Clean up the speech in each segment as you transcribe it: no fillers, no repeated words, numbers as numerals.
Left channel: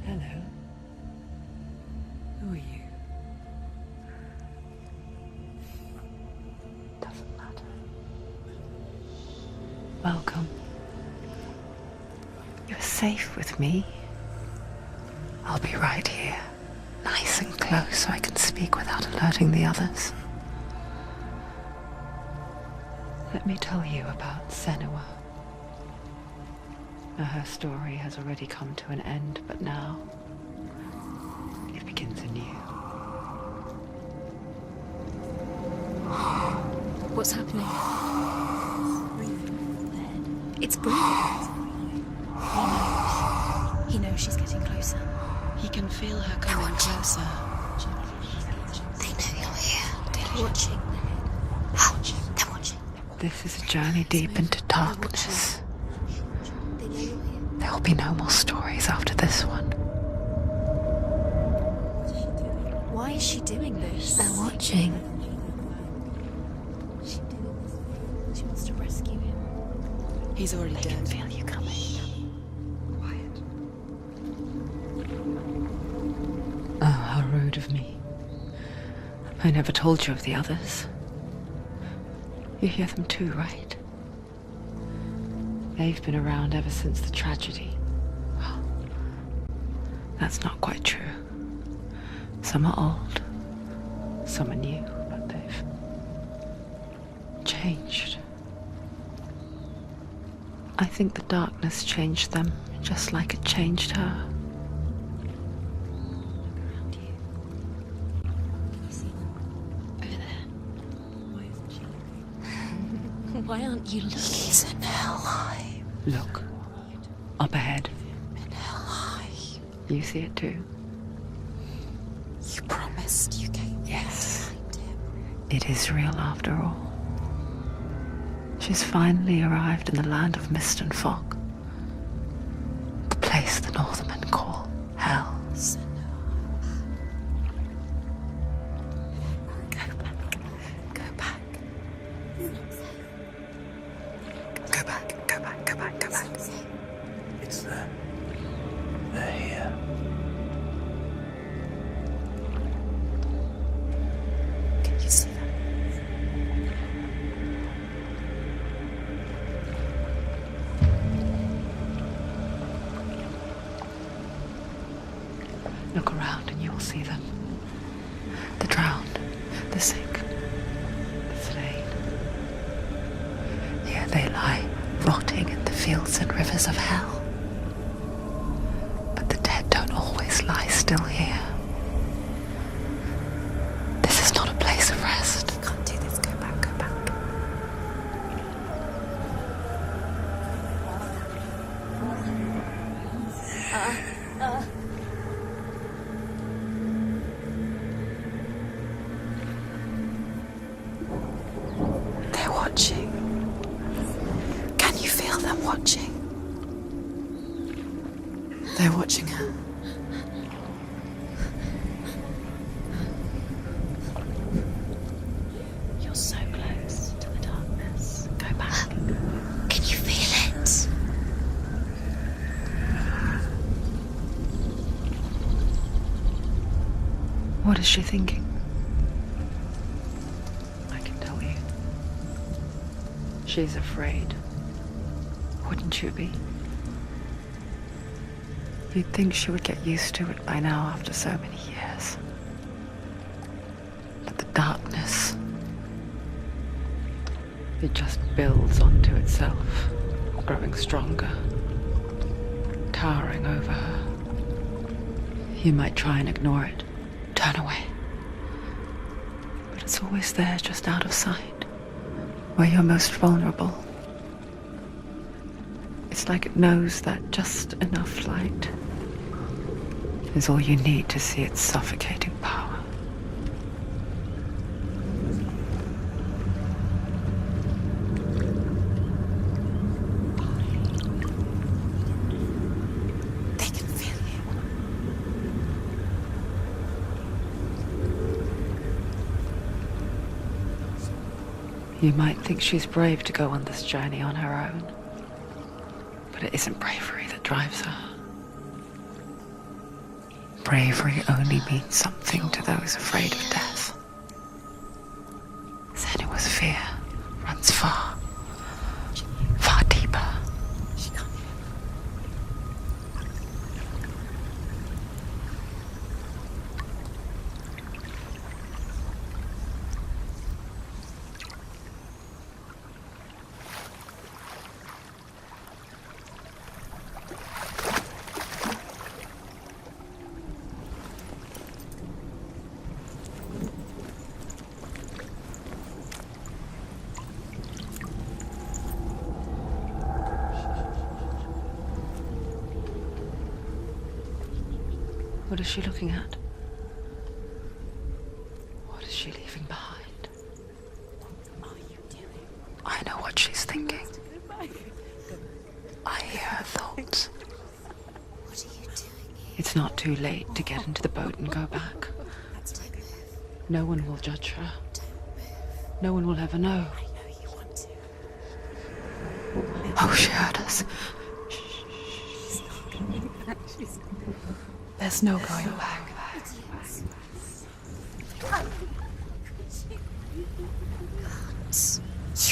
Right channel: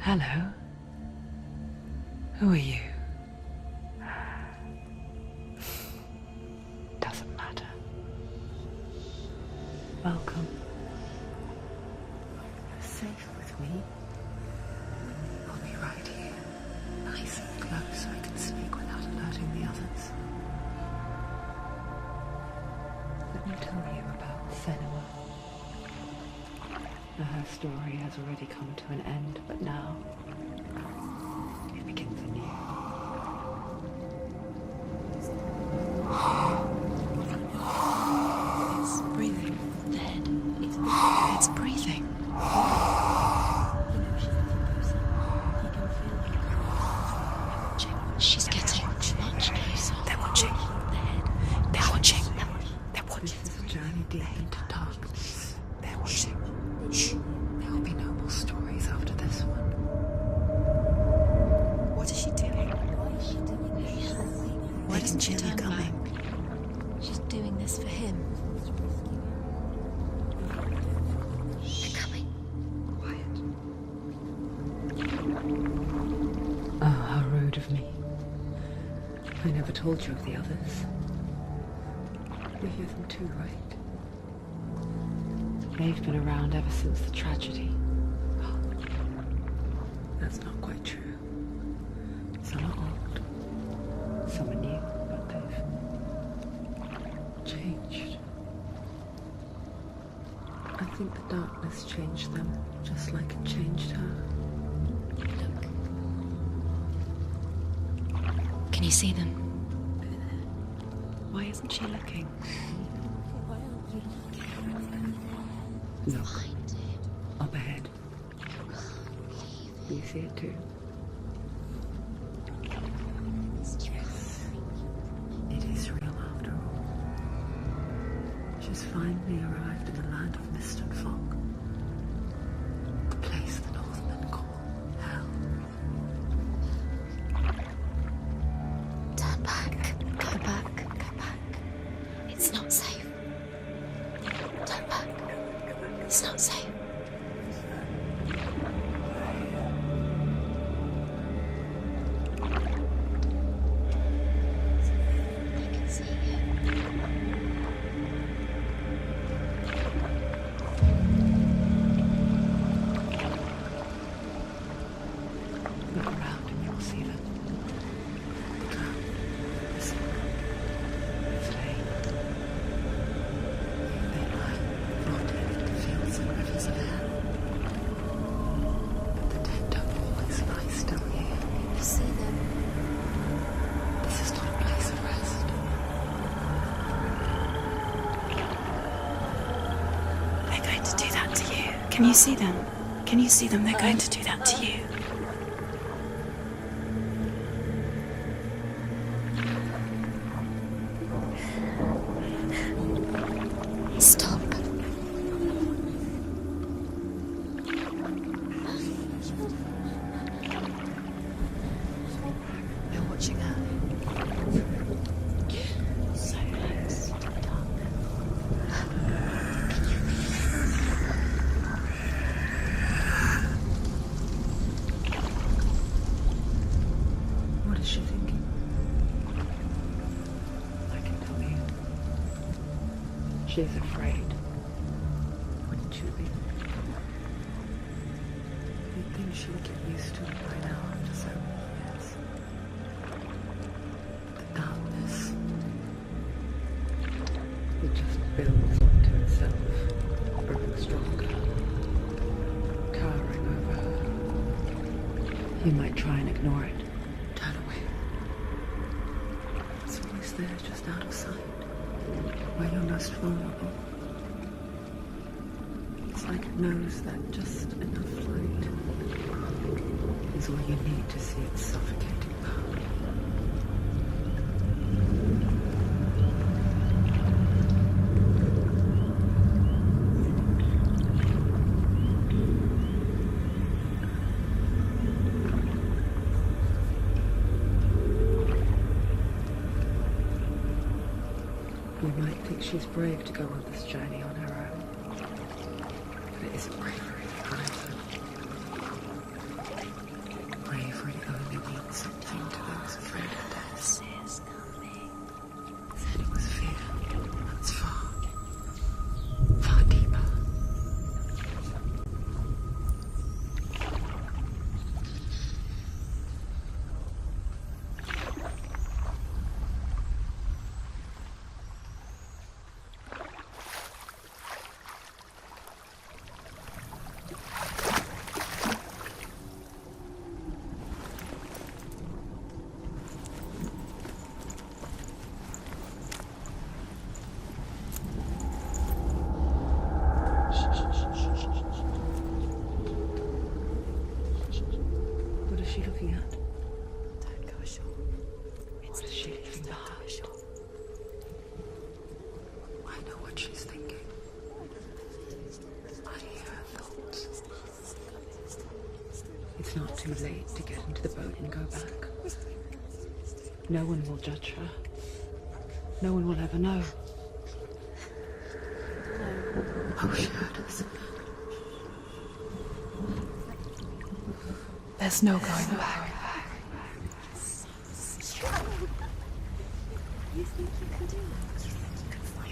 Hello. Who are you? Doesn't matter. Welcome. You're safe with me. I'll be right here, nice and close so I can speak without alerting the others. Let me tell you about Senua. Now, her story has already come to an end, but now it begins anew. What's happening? It's breathing. The head. It's breathing. It's breathing. He knows she's getting closer. He can feel her coming closer. She's getting closer. They're watching. The head. They're watching. They're watching. This is a journey deep into darkness. There will be no more stories after this one. What is she doing? Why is she doing this? They're watching. Why doesn't she feel you coming? She's doing this for him. She wants to rescue him. He's already dead. I can feel you coming. Quiet. Oh, how rude of me. I never told you of the others. You hear them too, right? They've been around ever since the tragedy. Well, that's not quite true. Some are old, some are new, but they've changed. I think the darkness changed them, just like it changed her. Can you see them? Over there. Why isn't she looking? Why aren't you looking? He's in hell high. Look, up ahead. You see it too? You promised you can. Yes. It is real after all. She's finally arrived in the land of mist and fog. The place the Northmen call Hell. Turn back. Go back. Go back. It's not safe. Go back. Go back. Go back. Go back. It's not safe. It's there. They're here. Can you see that? They can see Look around and you will see them. The drowned, the sick, the slain. Here they lie, rotting in the fields and rivers of hell. But the dead don't always lie still here. This is not a place of rest. You can't do this. Go back. Go back. They're going to do that to you. Can you see them? Can you see them? They're going to do that to you. They're watching. Stop. Can you feel them watching? They're watching her. They're watching her. You're so close to the darkness. Go back. Can you feel it? What is she thinking? I can tell you. She She's afraid. Wouldn't you be? You'd think she would get used to it by now after so many years. But the darkness, it just builds onto itself, growing stronger, towering over her. You might try and ignore it, turn away. But it's always there, just out of sight, where you're most vulnerable. It's like it knows that just enough light is all you need to see its suffocating power. They can feel You might think she's brave to go on this journey on her own, but it isn't bravery that drives her. Bravery only means something to those afraid of death. Senua's fear runs far, far deeper. What is she looking at? What is she leaving behind? I know what she's thinking. I hear her thoughts. It's not too late to get into the boat and go back. No one will judge her. No one will ever know. Oh, she heard us. There's no going back. You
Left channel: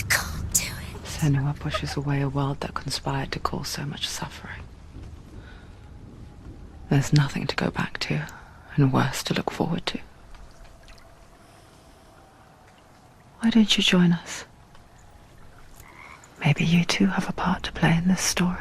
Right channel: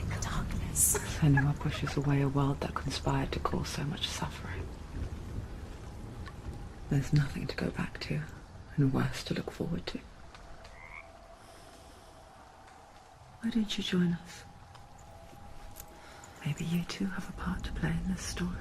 can't do it. Senua pushes away a world that conspired to cause so much suffering. There's nothing to go back to, and worse to look forward to. Why don't you join us? Maybe you too have a part to play in this story.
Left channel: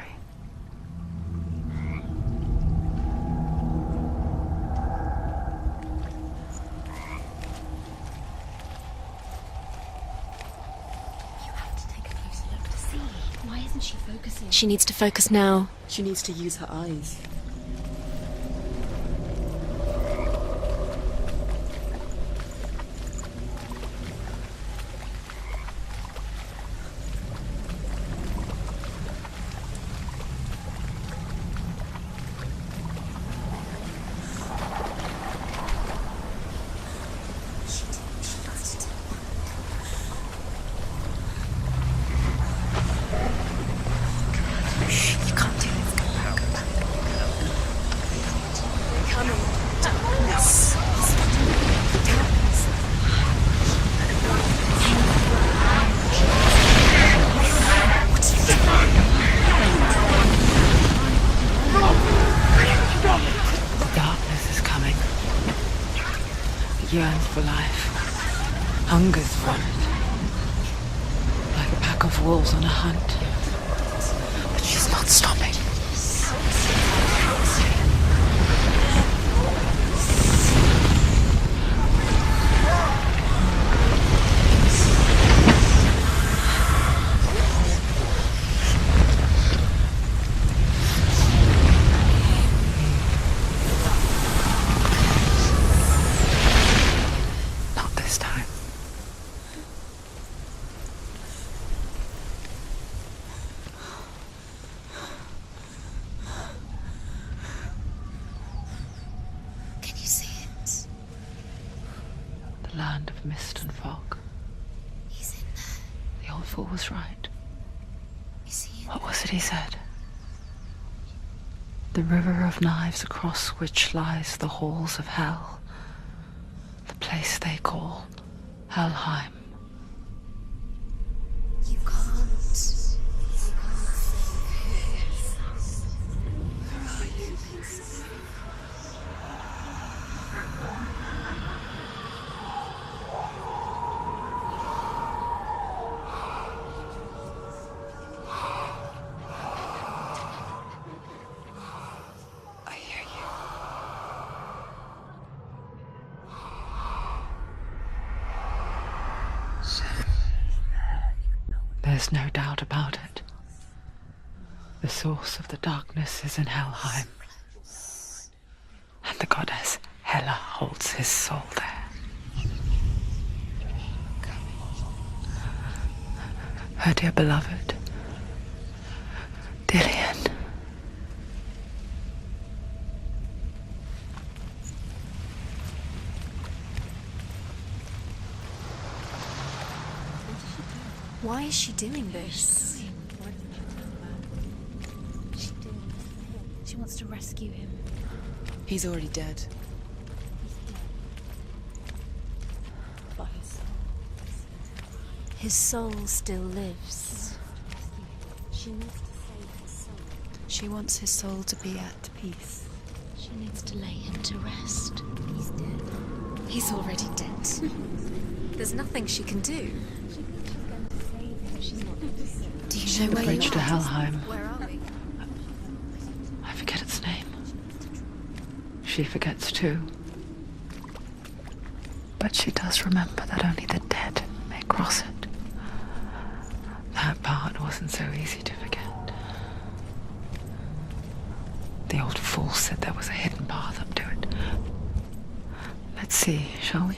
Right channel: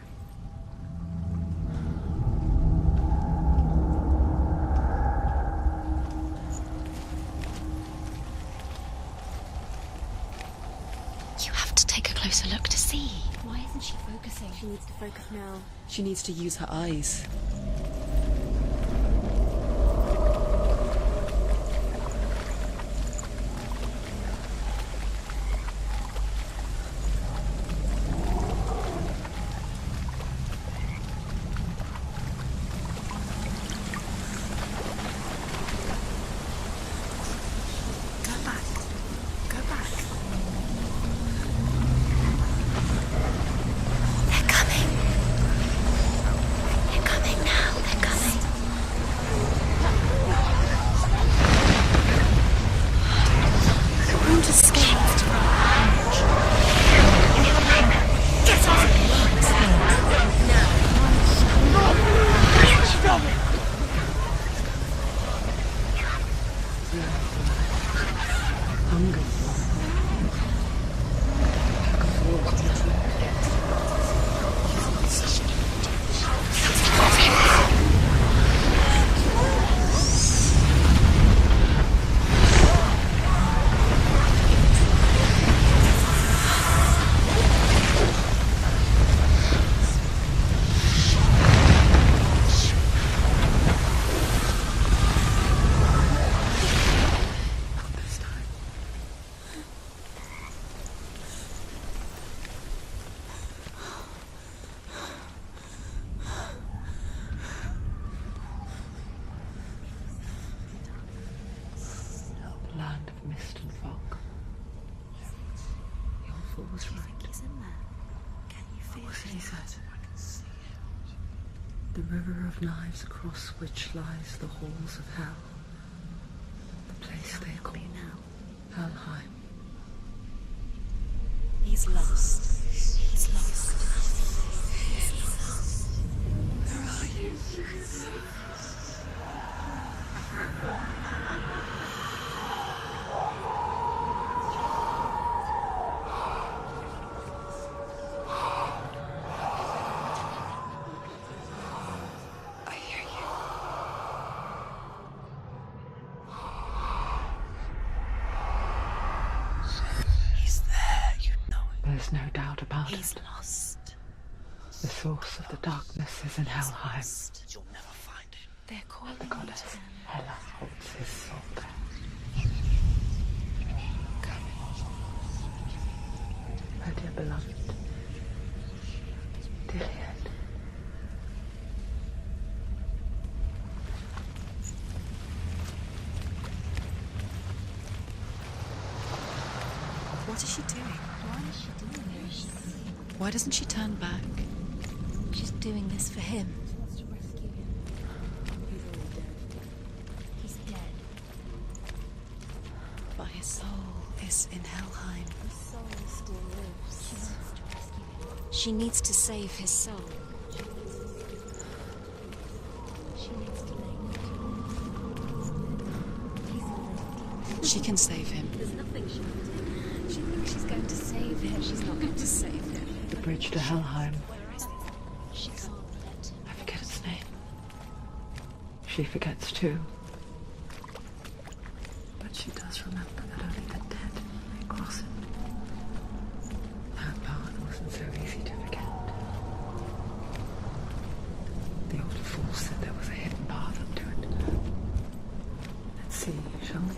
You have to take a closer look to see. Why isn't she focusing? She needs to focus now. She needs to use her eyes. Yearns for life, hungers for it, like a pack of wolves on a hunt. But she's not stopping. Land of mist and fog. The old fool was right. What was it he said? The river of knives across which lies the halls of hell. The place they call Helheim. He's lost. There's no doubt about He's it. lost. The source of the darkness is in Helheim, They're called and the goddess Hela holds his soul there. Her dear beloved, Dillian. What is she doing? Why is she doing this? Why doesn't she turn back? She's doing this for him. She wants to rescue him. He's already dead. He's dead. But his soul is in Helheim. His soul still lives. She needs to save his soul. She wants his soul to be at peace. She needs to lay him to rest. He's dead. He's already dead. She can save him. There's nothing she can do. She's going to save him. She's not going to save him. Do you know The where bridge you to are? Helheim. Where are we? She can't. I forget its name. She forgets too. But she does remember that only the dead may cross it. That part wasn't so easy to forget. The old fool said there was a hidden path up to it. Let's see, shall we?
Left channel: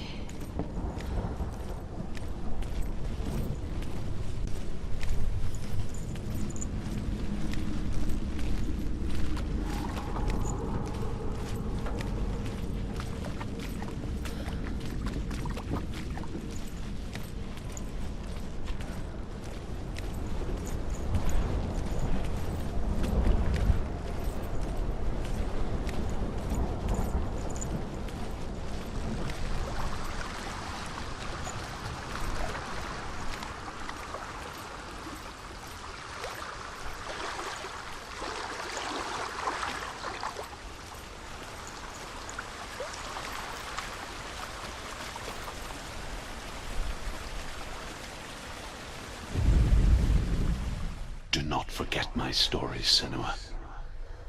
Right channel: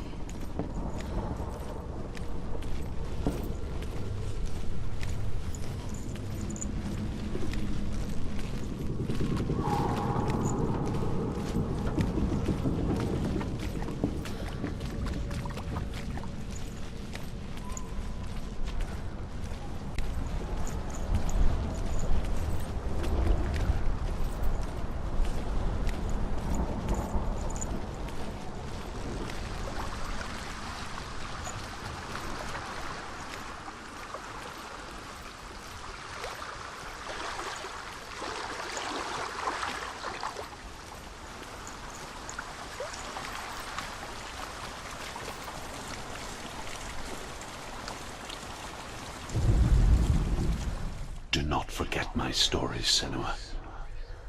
Do not forget my stories, Senua.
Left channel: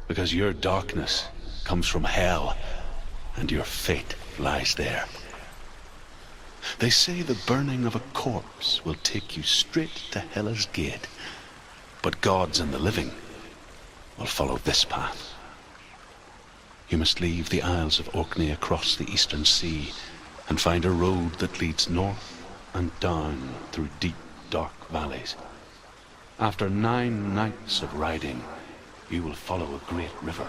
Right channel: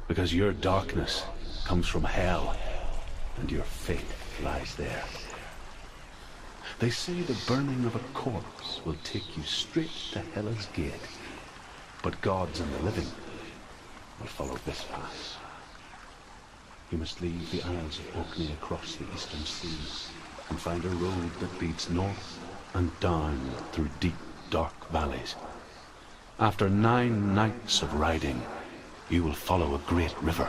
Because your darkness comes from hell, and your fate lies there. They say the burning of a corpse will take you straight to Hela's gate, but gods and the living will follow this path. You must leave the Isles of Orkney across the eastern sea and find a road that leads north and down through deep, dark valleys. After 9 nights of riding, you will follow a great river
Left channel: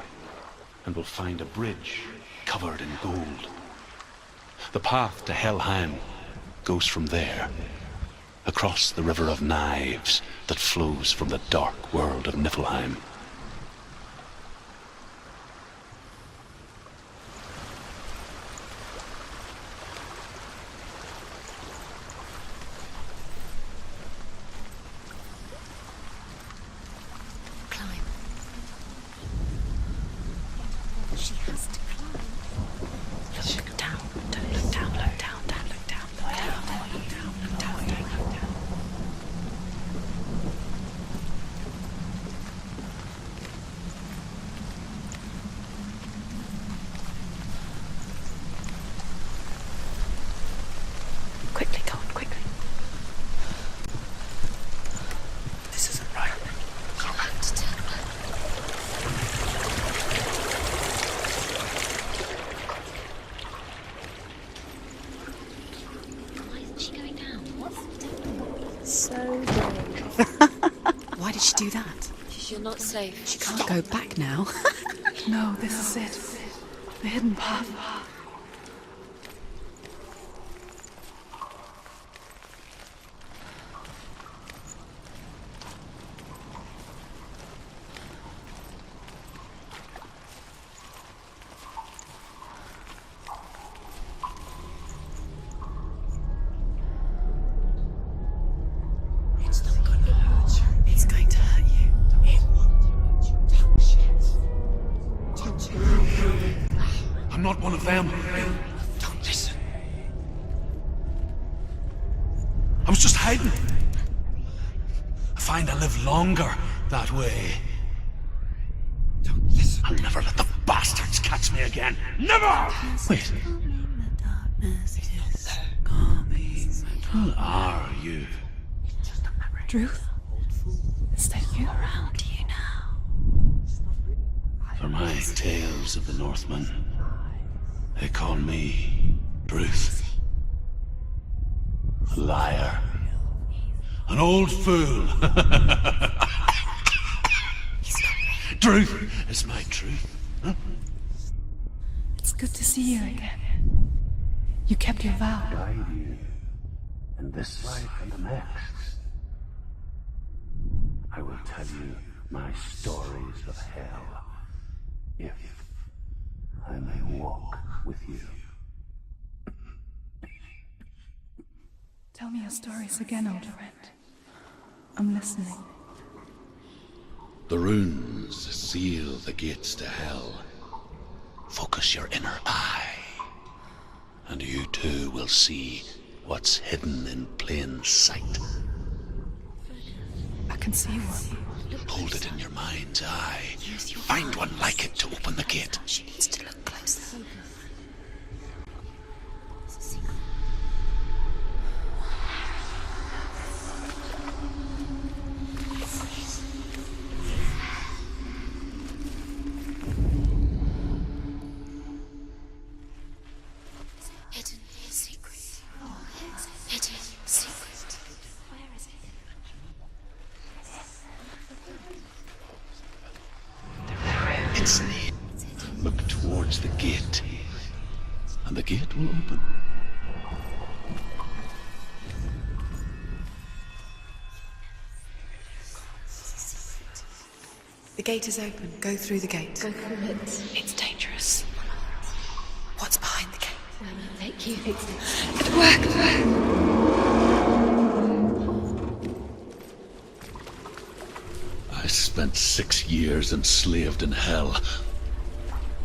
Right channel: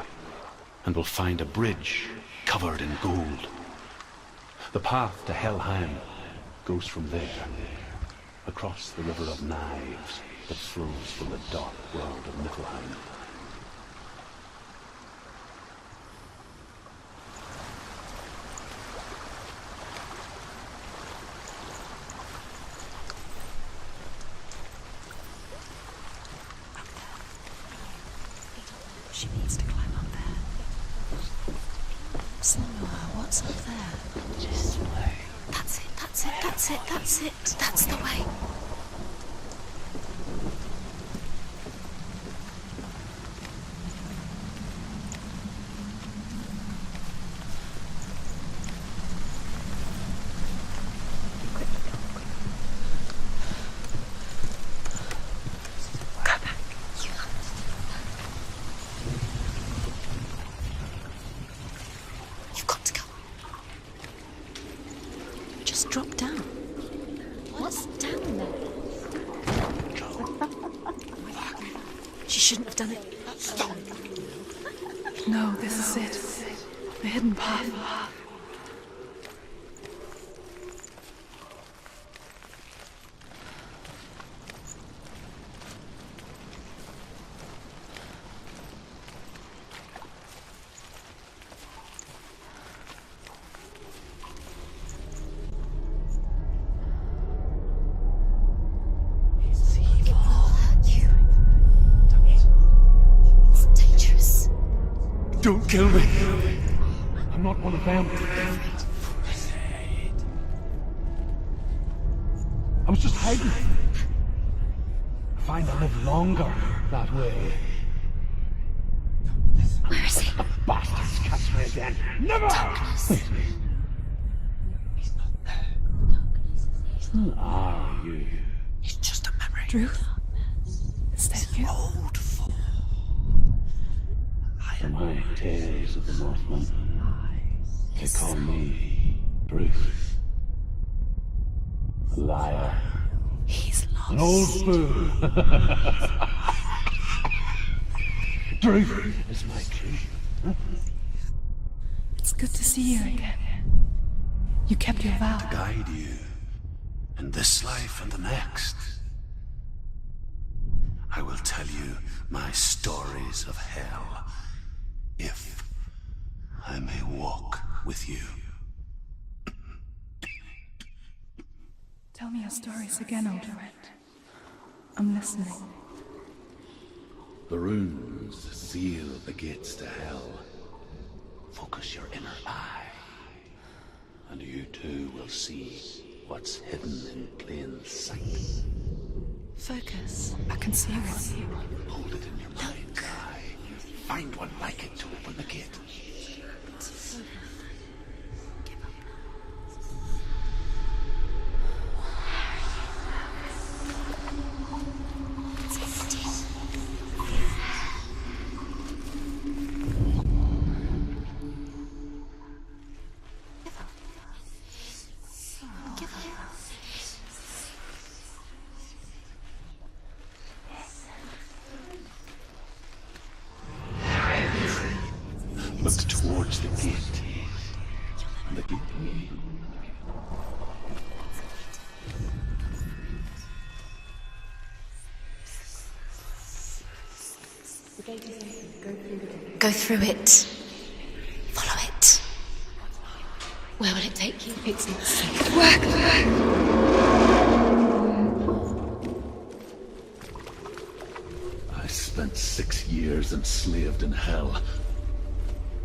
and will find a bridge covered in gold. The path to Helheim goes from there, across the river of knives that flows from the dark world of Niflheim. She needs to climb up there. She has to climb. What's up? Down. That's it. That's the way. Quickly, Tom, quickly. This isn't right. You have to take her. You've got to go. Just drop down. Why isn't she going down? What's down there? So... Why did she do that? She shouldn't have done it. She can't go back now. No, this is it. The hidden path. It's going to hurt you. It's dangerous. Don't kill me. I'm not one of them. Listen. I was just hiding. I find I live longer that way. I'll never let the bastards catch me again. Never! Wait. Who are you? It's just a memory. Truth? tales of the Northmen. They call me Bruce. A liar. He's lost. An old fool. Truth is my truth. It's good to see you again. You kept your vow. Guide you in this life and the next. I will tell you my stories of hell, if I may walk with you. Tell me your stories again, old friend. I'm listening. The runes seal the gates to hell. Focus your inner eye, and you too will see what's hidden in plain sight. Focus. I can see one. Hold it in your mind's eye. Find one like it to open the gate. She needs to look closer. Hidden secret. Give it. Hidden secret. Where is it? It's near. Look towards the gate, and the gate will open. The gate is open. Go through the gate. Go through it. It's dangerous. Follow it. What's behind the gate? Where will it take you? It's not safe. It worked! I spent 6 years enslaved in hell,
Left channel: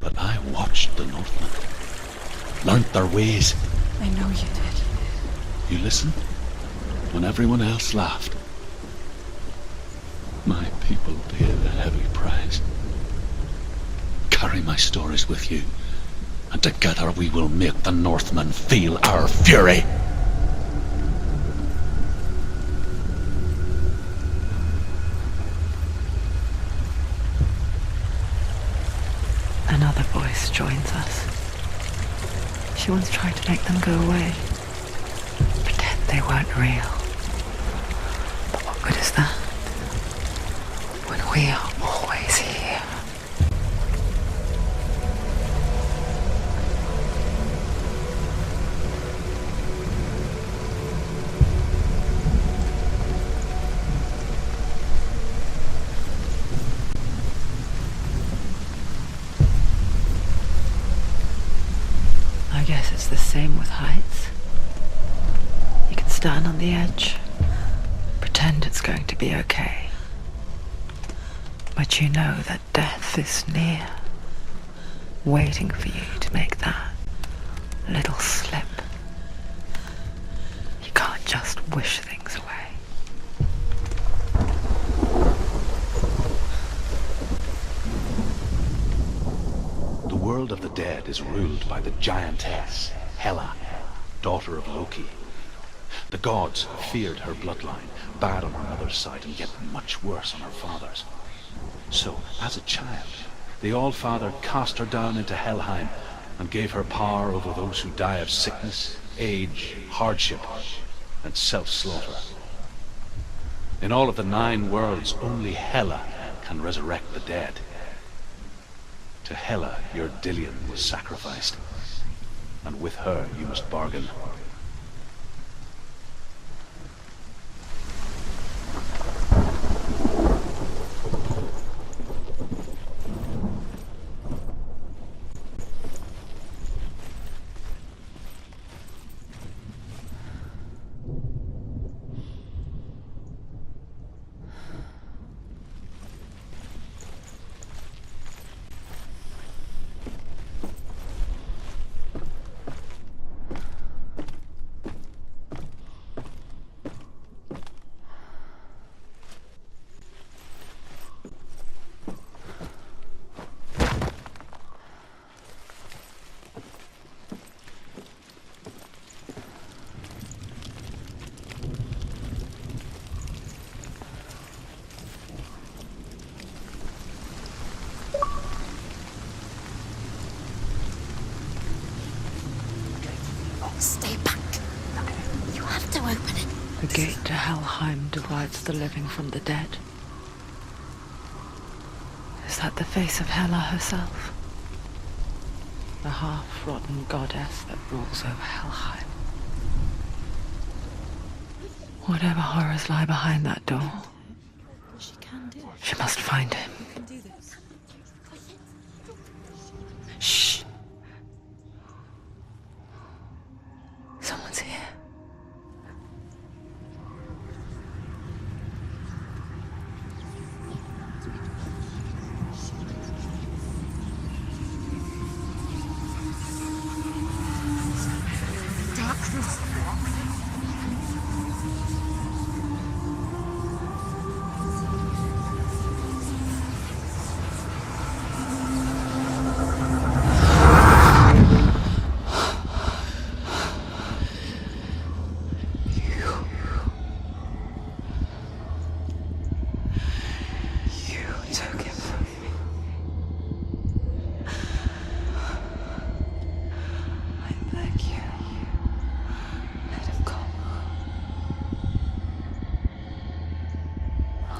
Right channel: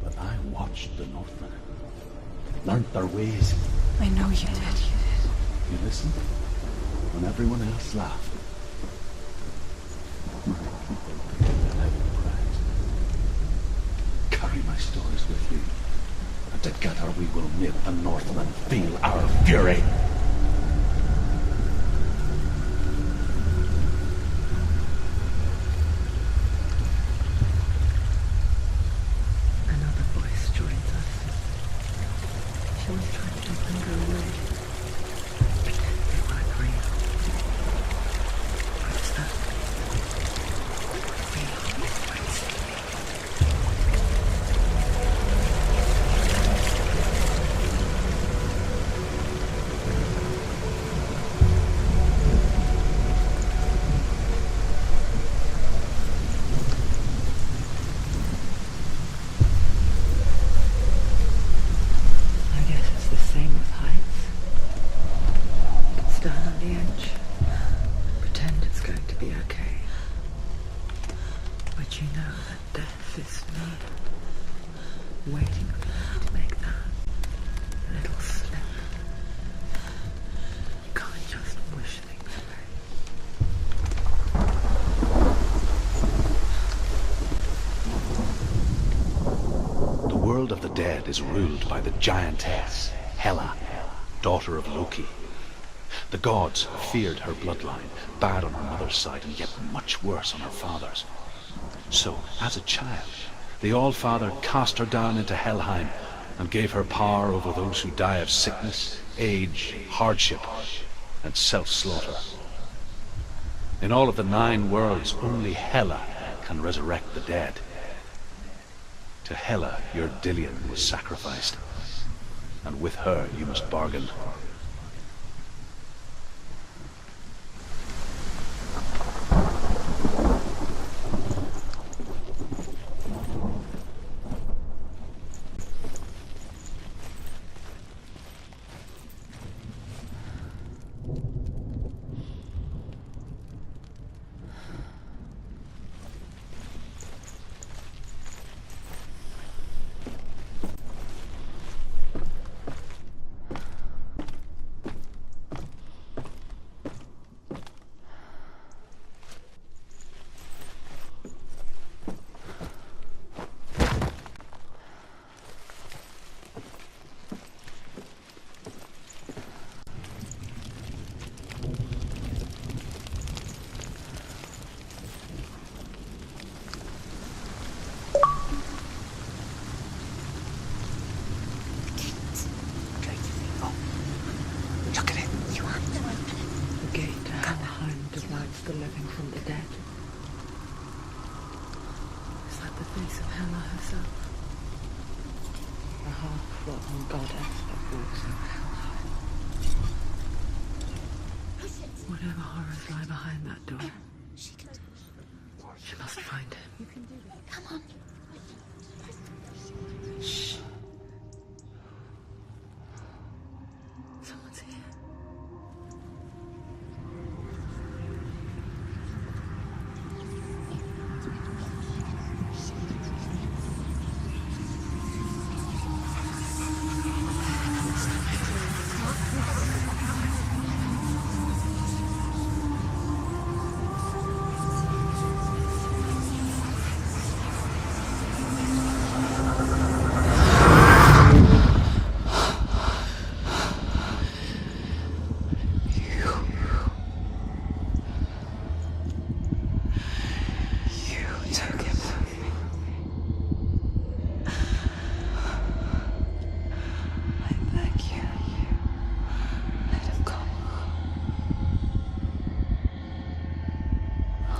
but I watched the Northmen, learnt their ways. I know you did. You listened when everyone else laughed. My people paid a heavy price. Carry my stories with you, and together we will make the Northmen feel our fury. Another voice joins us. She once tried to make them go away. Pretend they weren't real. What good is that? When we are always here. I guess it's the same with heights. You can stand on the edge, pretend it's going to be okay. But you know that death is near, waiting for you to make that little slip. You can't just wish things away. The world of the dead is ruled by the giantess, Hela, daughter of Loki. The gods feared her bloodline, bad on her mother's side and yet much worse on her father's. So, as a child, the All-Father cast her down into Helheim and gave her power over those who die of sickness, age, hardship, and self-slaughter. In all of the 9 worlds, only Hela can resurrect the dead. To Hela, your Dillion was sacrificed, and with her you must bargain. gate to Helheim divides the living from the dead. Is that the face of Hela herself? The half-rotten goddess that walks over Helheim. Whatever horrors lie behind that door, she must find him. Shh. Someone's here.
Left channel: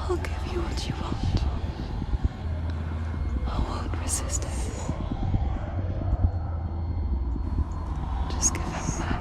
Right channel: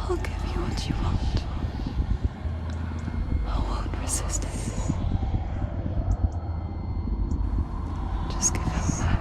I'll give you what you want. I won't resist anymore. Just give him back.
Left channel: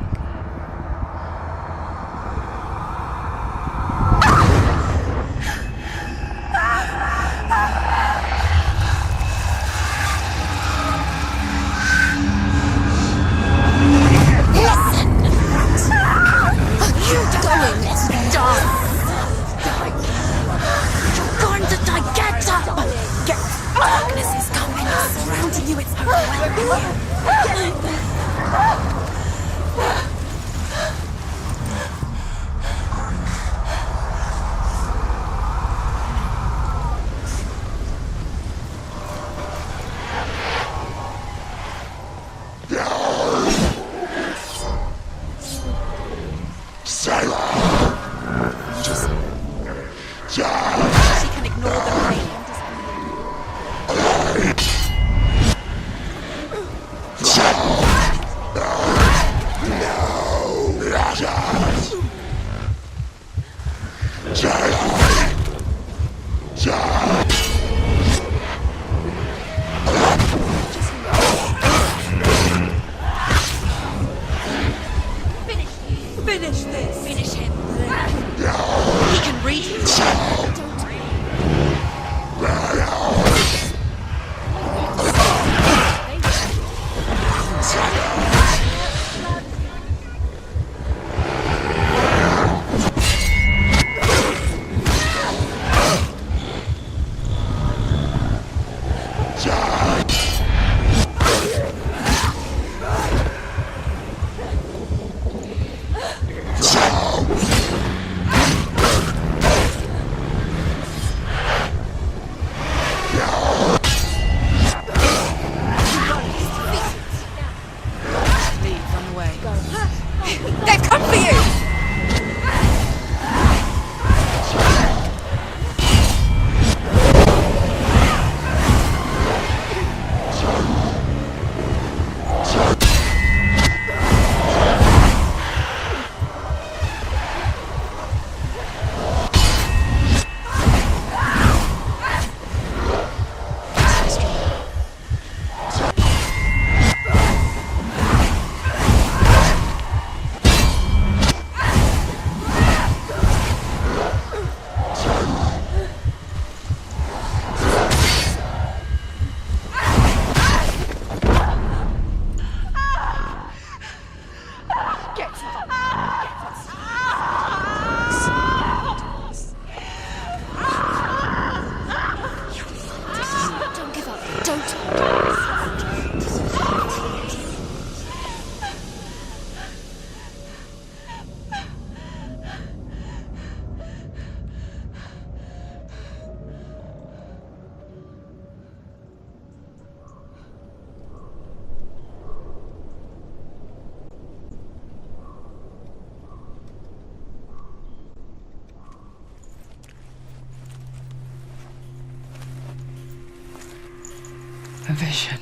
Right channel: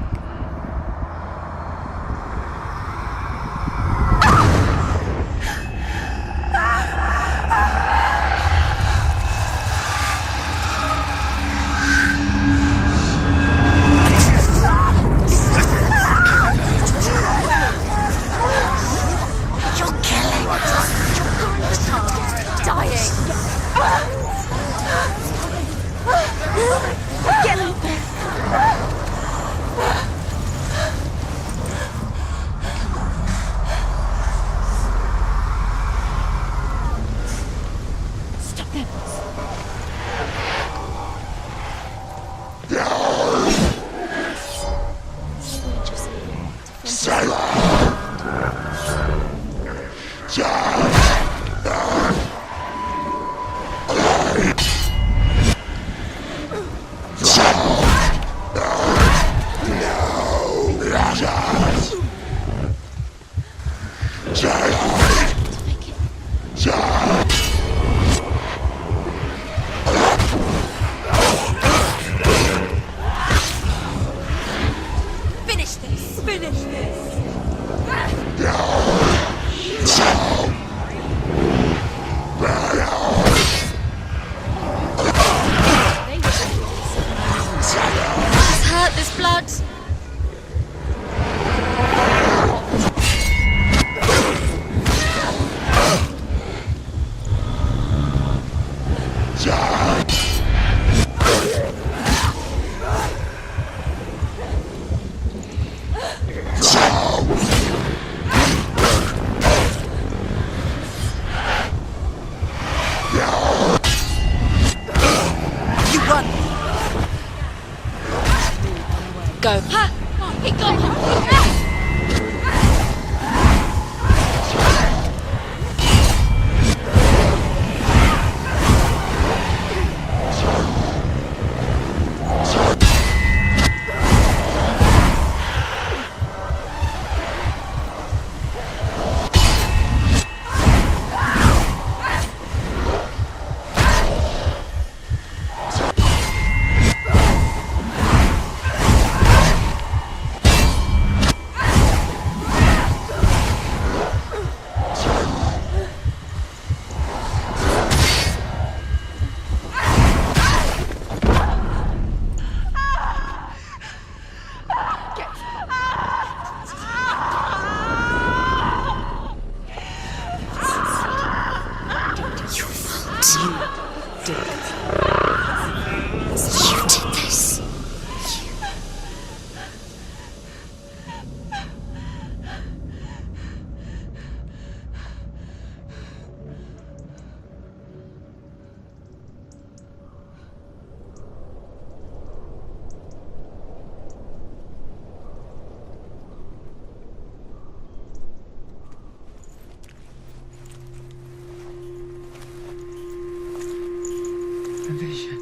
A vision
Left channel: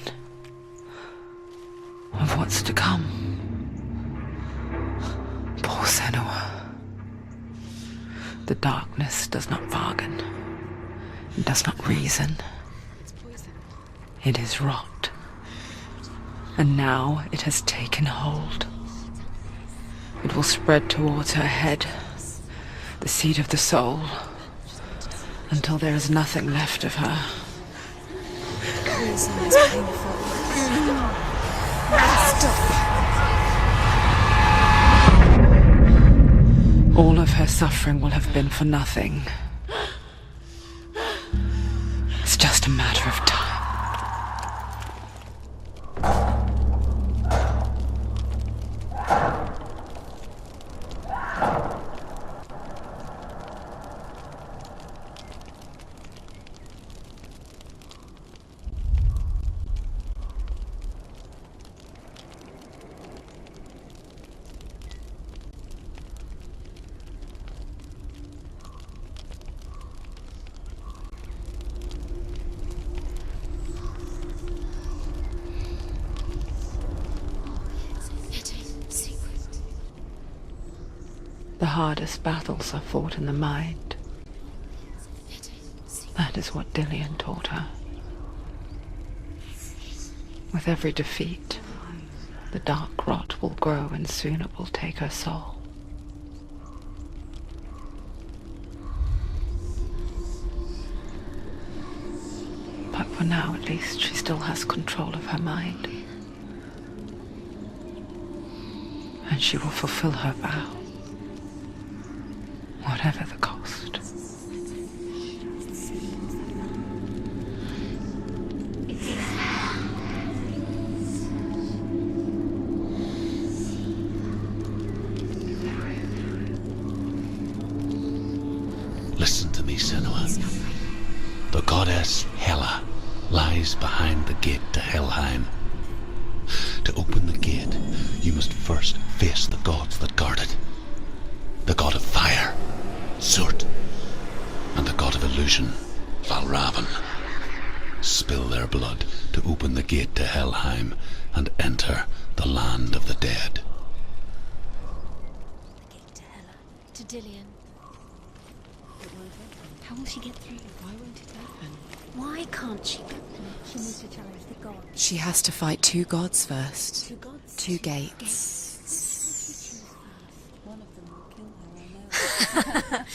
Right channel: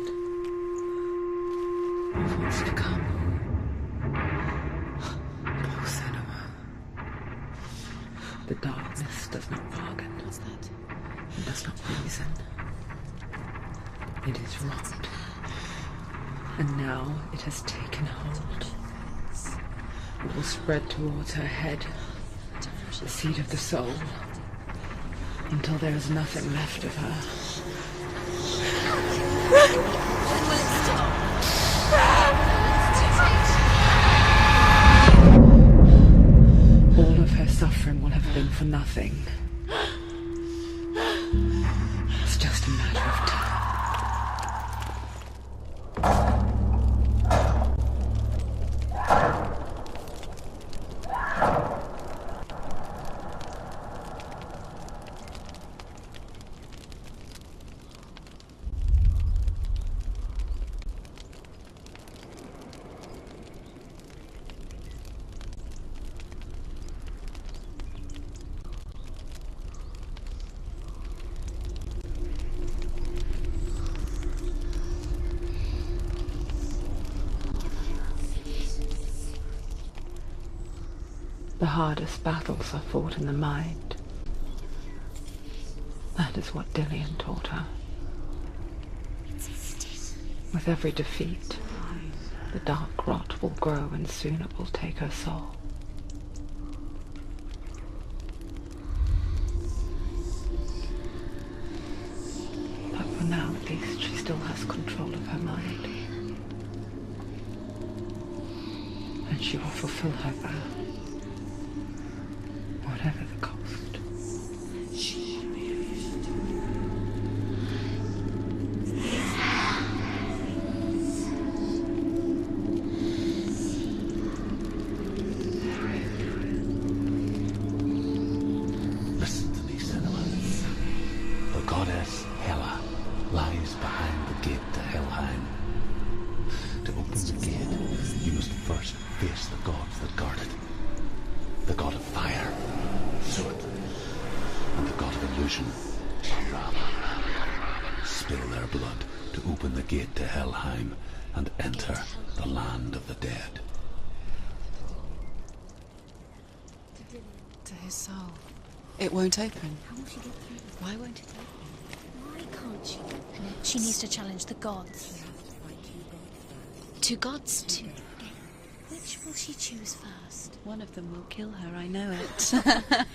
of what's to come. Poor Senua. The darkness does not bargain. It does not reason. It is rot. And now it has taken hold. It will spread towards her head, the seat of the soul, until there is nothing left of her. All of her suffering will have been for nothing. It's just a matter of time. The hardest battles are fought in the mind. That is what Dillian taught her. With every defeat, the dark rot will grow and soon it will take her soul. But for now, at least, she still has control of her mind. And she will fulfill her vow. Whatever the cost. Listen to me, Senua. The goddess Hela lies behind the gate to Helheim. To open the gate, you must first face the gods that guard it. The god of fire, Surt, and the god of illusion, Valravan. Spill their blood to open the gate to Helheim and enter the land of the dead. To Dillian. To his soul. It won't open. How will she get through? Why won't it open? Why can't she? She needs to challenge the gods. She has to fight two gods first. Two gods? Two gates. Which will she choose first? One of them will kill her, I know it.